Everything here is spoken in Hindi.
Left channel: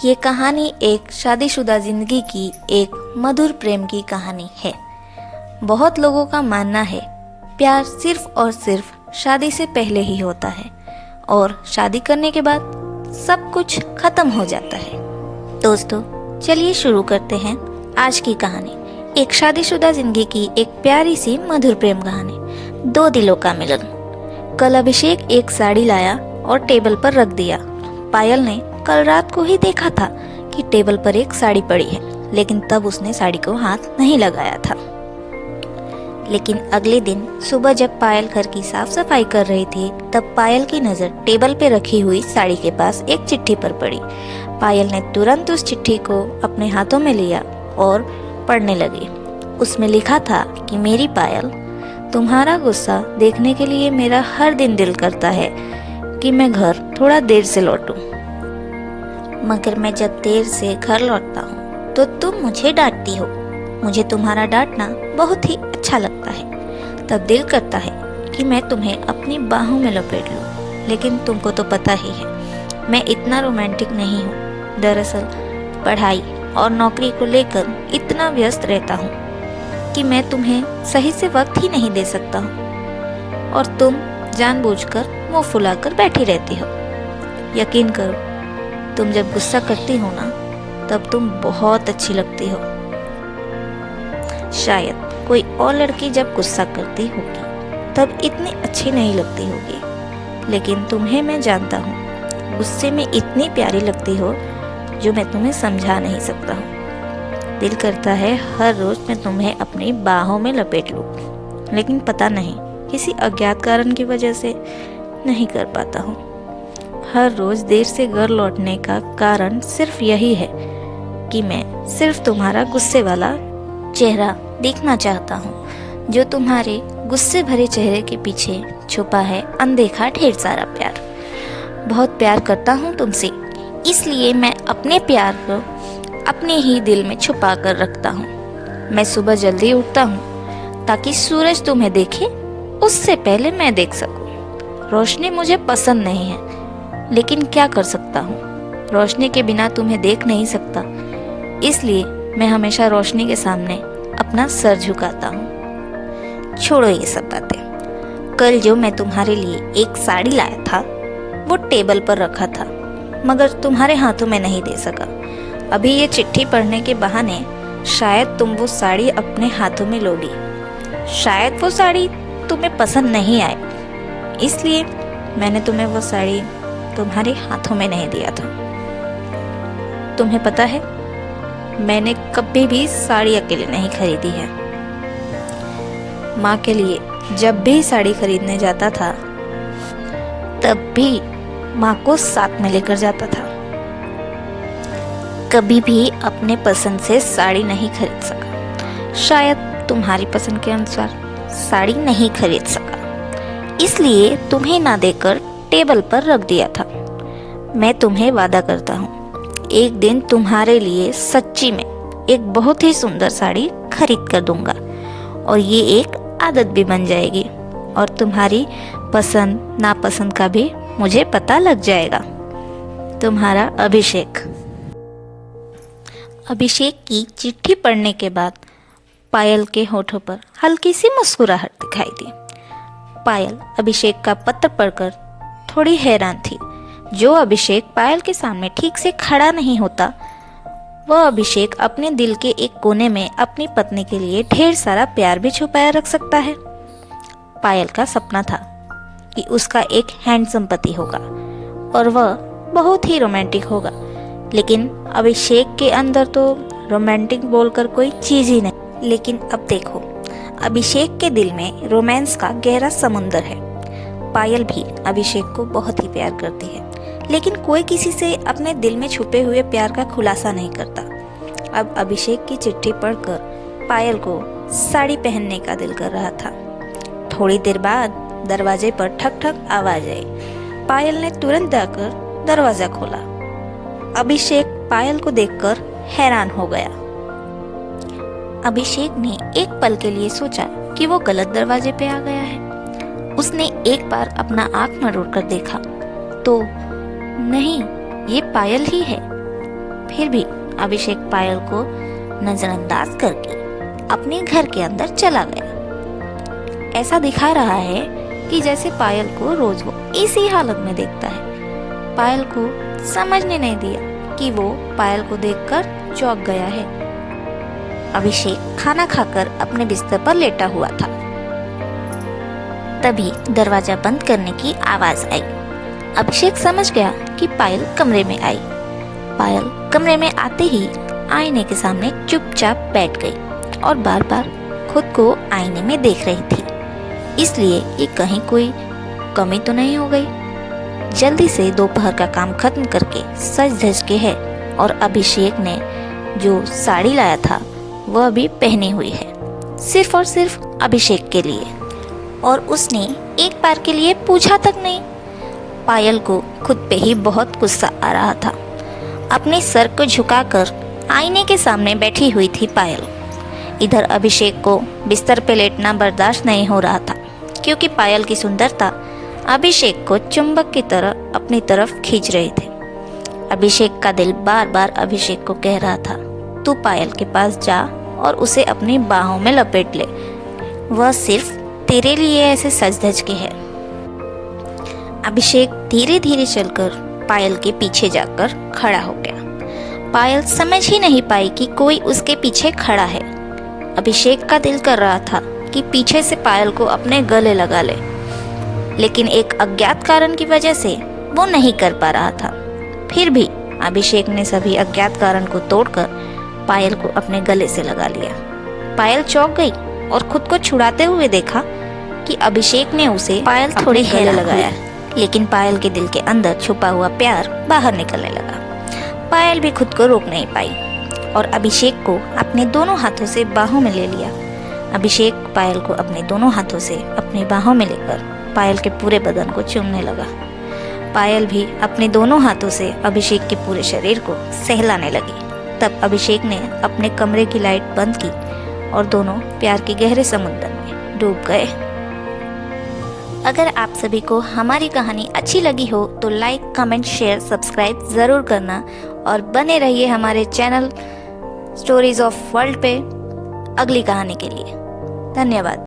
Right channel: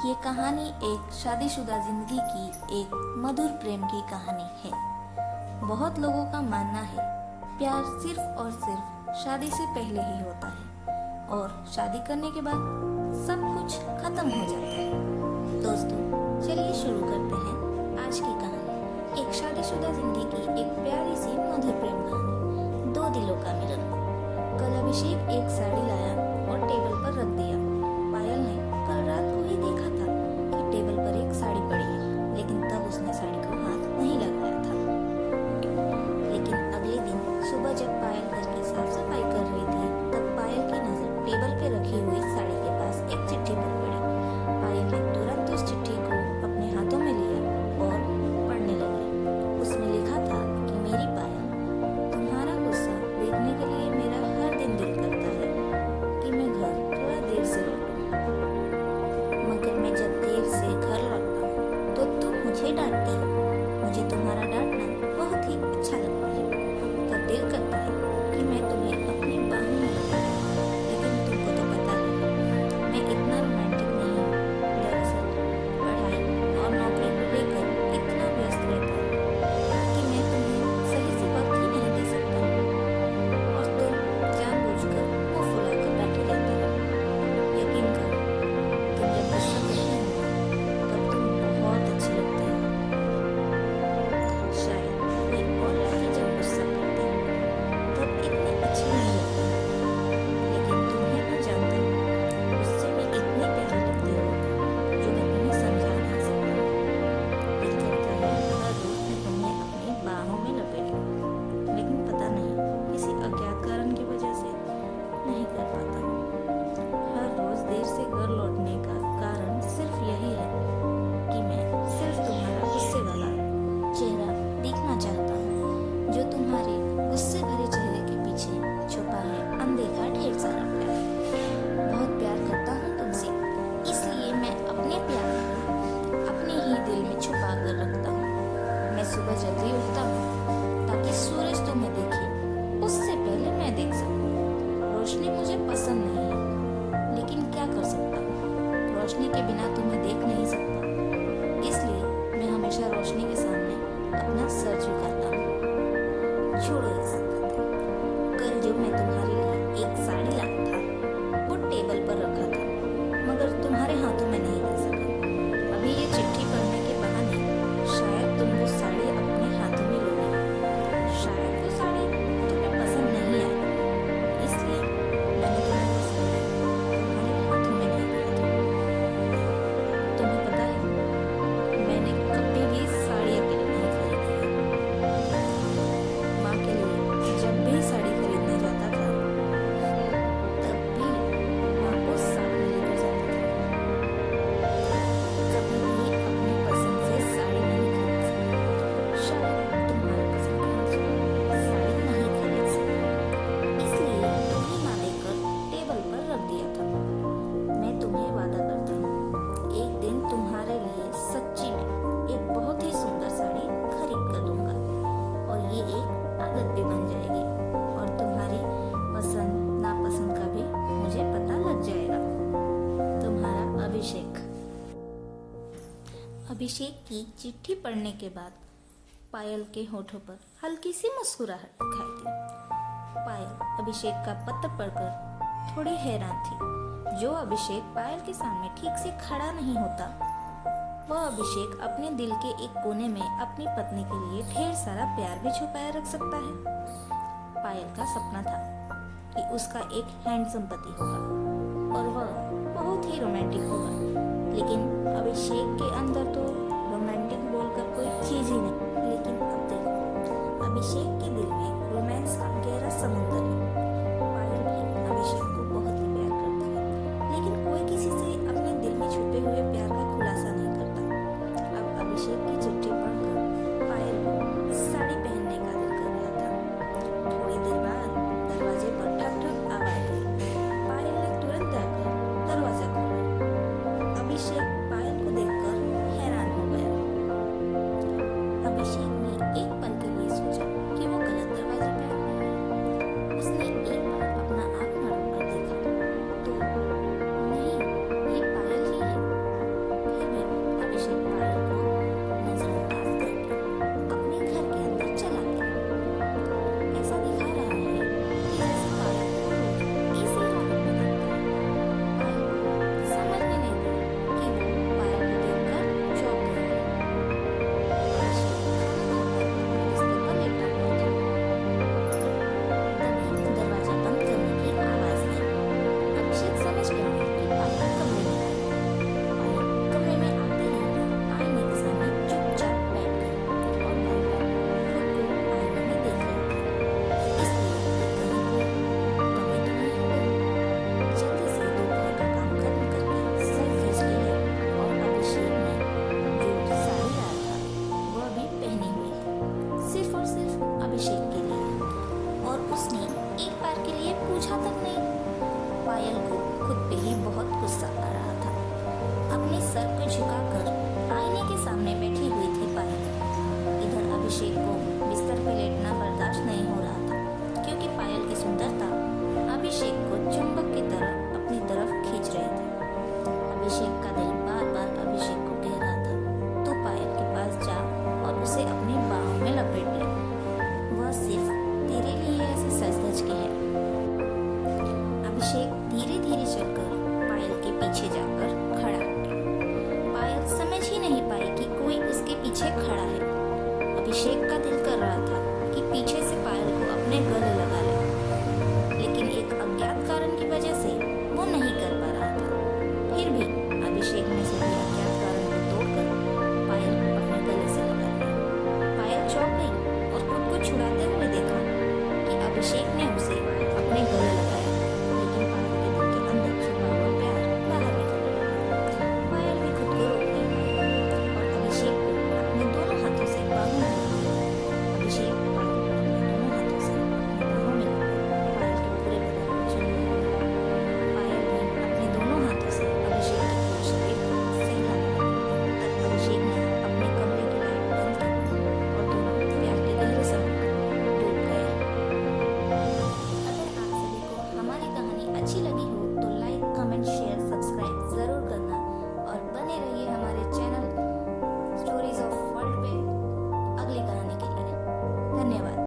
ये कहानी एक शादीशुदा जिंदगी की एक मधुर प्रेम की कहानी है। बहुत लोगों का मानना है प्यार सिर्फ और सिर्फ शादी से पहले ही होता है और शादी करने के बाद सब कुछ खत्म हो जाता है। दोस्तों, चलिए शुरू करते हैं आज की कहानी। एक शादीशुदा जिंदगी की एक प्यारी सी मधुर प्रेम कहानी, दो दिलों का मिलन। कल अभिषेक एक साड़ी लाया और टेबल पर रख दिया। पायल ने कल रात को ही देखा था कि टेबल पर एक साड़ी पड़ी है, लेकिन तब उसने साड़ी को हाथ नहीं लगाया था। लेकिन अगले दिन सुबह जब पायल घर की साफ सफाई कर रही थी, तब पायल की नजर टेबल पे रखी हुई साड़ी के पास एक चिट्ठी पर पड़ी। पायल ने तुरंत उस चिट्ठी को अपने हाथों में लिया और पढ़ने लगी। उसमें लिखा था कि मेरी पायल, तुम्हारा गुस्सा देखने के लिए मेरा हर दिन दिल करता है कि मैं घर थोड़ा देर से लौटूं, मगर मैं जब देर से घर लौटता हूँ तो तुम मुझे डांटती हो। मुझे तुम्हारा डांटना बहुत ही अच्छा लगता है। तब दिल करता है कि मैं तुम्हें अपनी बाहों में लपेट लूं, लेकिन तुमको तो पता ही है मैं इतना रोमांटिक नहीं हूँ। दरअसल पढ़ाई और नौकरी को लेकर इतना व्यस्त रहता हूँ कि मैं तुम्हें सही से वक्त ही नहीं दे सकता हूँ, और तुम जानबूझकर मुंह फुलाकर बैठी रहती हो। यकीन करो, तुम जब गुस्सा करती हो ना, तब तुम बहुत अच्छी लगती हो। शायद कोई और लड़की जब गुस्सा करती होगी तब इतनी अच्छी नहीं लगती होगी, लेकिन तुम्हें मैं जानता हूँ, गुस्से में इतनी प्यारी लगती हो जो मैं तुम्हें समझा नहीं सकता हूँ। दिल करता है हर रोज मैं तुम्हें अपनी बाहों में लपेट लूं, लेकिन पता नहीं किसी अज्ञात कारण की वजह से नहीं कर पाता हूँ। हर रोज देर से घर लौटने का कारण सिर्फ यही है कि मैं सिर्फ तुम्हारा गुस्से वाला चेहरा देखना चाहता हूँ, जो तुम्हारे गुस्से भरे चेहरे के पीछे छुपा है अनदेखा ढेर सारा प्यार। बहुत प्यार करता हूँ तुमसे, इसलिए मैं अपने प्यार को अपने ही दिल में छुपा कर रखता हूँ। मैं सुबह जल्दी उठता हूँ ताकि सूरज तुम्हें देखे उससे पहले मैं देख सकूं। रोशनी मुझे पसंद नहीं है, लेकिन क्या कर सकता हूँ, रोशनी के बिना तुम्हें देख नहीं सकता, इसलिए मैं हमेशा रोशनी के सामने अपना सर झुकाता हूँ। छोड़ो ये सब बातें। कल जो मैं तुम्हारे लिए एक साड़ी लाया था वो टेबल पर रखा था, मगर तुम्हारे हाथों में नहीं दे सका। अभी ये चिट्ठी पढ़ने के बहाने शायद तुम वो साड़ी अपने हाथों में लोगी। शायद वो साड़ी तुम्हें पसंद नहीं आए, इसलिए मैंने तुम्हें वो साड़ी तुम्हारे हाथों में नहीं दिया था। तुम्हें पता है, मैंने कभी भी साड़ी अकेले नहीं खरीदी है। माँ के लिए जब भी साड़ी खरीदने जाता था, तब भी माँ को साथ में लेकर जाता था। कभी भी अपने पसंद से साड़ी नहीं खरीद सका। शायद तुम्हारी पसंद के अनुसार साड़ी नहीं खरीद सका, इसलिए तुम्हें ना देकर टेबल पर रख दिया था। मैं तुम्हें वादा करता हूँ, एक दिन तुम्हारे लिए सच्ची में एक बहुत ही सुंदर साड़ी खरीद कर दूंगा, और ये एक आदत भी बन जाएगी, और तुम्हारी पसंद नापसंद का भी मुझे पता लग जाएगा। तुम्हारा अभिषेक। अभिषेक की चिट्ठी पढ़ने के बाद पायल के होठों पर हल्की सी मुस्कुराहट दिखाई दी। पायल अभिषेक का पत्र पढ़कर थोड़ी हैरान थी। जो अभिषेक पायल के सामने ठीक से खड़ा नहीं होता, वह अभिषेक अपने दिल के एक कोने में अपनी पत्नी के लिए ढेर सारा प्यार भी छुपाया रख सकता है। पायल का सपना था कि उसका एक हैंडसम पति होगा और वह बहुत ही रोमांटिक होगा, लेकिन अभिषेक के अंदर तो रोमांटिक बोलकर कोई चीज ही नहीं। लेकिन अब देखो, अभिषेक के दिल में रोमांस का गहरा समुंदर है। पायल भी अभिषेक को बहुत ही प्यार करती है, लेकिन कोई किसी से अपने दिल में छुपे हुए प्यार का खुलासा नहीं करता। अब अभिषेक की चिट्ठी पढ़कर पायल को साड़ी पहनने का दिल कर रहा था। थोड़ी देर बाद दरवाजे पर ठक ठक आवाज आई। पायल ने तुरंत जाकर दरवाजा खोला। अभिषेक पायल को देखकर हैरान हो गया। अभिषेक ने एक पल के लिए सोचा कि वो गलत दरवाजे पे आ गया है। उसने एक बार अपना आंख मरोड़ कर देखा तो नहीं, ये पायल ही है। फिर भी अभिषेक पायल को नजरअंदाज करके अपने घर के अंदर चला गया। ऐसा दिखा रहा है कि जैसे पायल को रोज वो इसी हालत में देखता है। पायल को समझने नहीं दिया कि वो पायल को देखकर चौंक गया है। अभिषेक खाना खाकर अपने बिस्तर पर लेटा हुआ था। तभी दरवाजा बंद करने की आवाज आई। अभिषेक समझ गया कि पायल कमरे में आई। पायल कमरे में आते ही आईने के सामने चुपचाप बैठ गई और बार बार खुद को आईने में देख रही थी। इसलिए ये कहीं कोई कमी तो नहीं हो गई। जल्दी से दोपहर का काम खत्म करके सज धज के है और अभिषेक ने जो साड़ी लाया था वह भी पहनी हुई है, सिर्फ और सिर्फ अभिषेक के लिए। और उसने एक बार के लिए पूछा तक नहीं। पायल को खुद पे ही बहुत गुस्सा आ रहा था। अपने सर को झुकाकर आईने के सामने बैठी हुई थी पायल। इधर अभिषेक को बिस्तर पे लेटना बर्दाश्त नहीं हो रहा था, क्योंकि पायल की सुंदरता अभिषेक को चुंबक की तरह अपनी तरफ खींच रही थी। अभिषेक का दिल बार बार अभिषेक को कह रहा था, तू पायल के पास जा और उसे अपनी बाहों में लपेट ले, वह सिर्फ तेरे लिए ऐसे सज धज के है। अभिषेक धीरे धीरे चलकर पायल के पीछे जाकर खड़ा हो गया। पायल समझ ही नहीं पाई कि कोई उसके पीछे खड़ा है। अभिषेक का दिल कर रहा था कि पीछे से पायल को अपने गले लगा ले, लेकिन एक अज्ञात कारण की वजह से वो नहीं कर पा रहा था। फिर भी अभिषेक ने सभी अज्ञात कारण को तोड़कर पायल को अपने गले से लगा लिया। पायल चौंक गई और खुद को छुड़ाते हुए देखा कि अभिषेक ने उसे पायल थोड़ी गले लगाया, लेकिन पायल के दिल के अंदर छुपा हुआ प्यार बाहर निकलने लगा। पायल भी खुद को रोक नहीं पाई और अभिषेक को अपने दोनों हाथों से बाहों में ले लिया। अभिषेक पायल को अपने दोनों हाथों से अपनी बाहों में लेकर पायल के पूरे बदन को चूमने लगा। पायल भी अपने दोनों हाथों से अभिषेक के पूरे शरीर को सहलाने लगी। तब अभिषेक ने अपने कमरे की लाइट बंद की और दोनों प्यार के गहरे समुद्र में डूब गए। अगर आप सभी को हमारी कहानी अच्छी लगी हो तो लाइक, कमेंट, शेयर, सब्सक्राइब ज़रूर करना और बने रहिए हमारे चैनल स्टोरीज ऑफ वर्ल्ड पे अगली कहानी के लिए। धन्यवाद।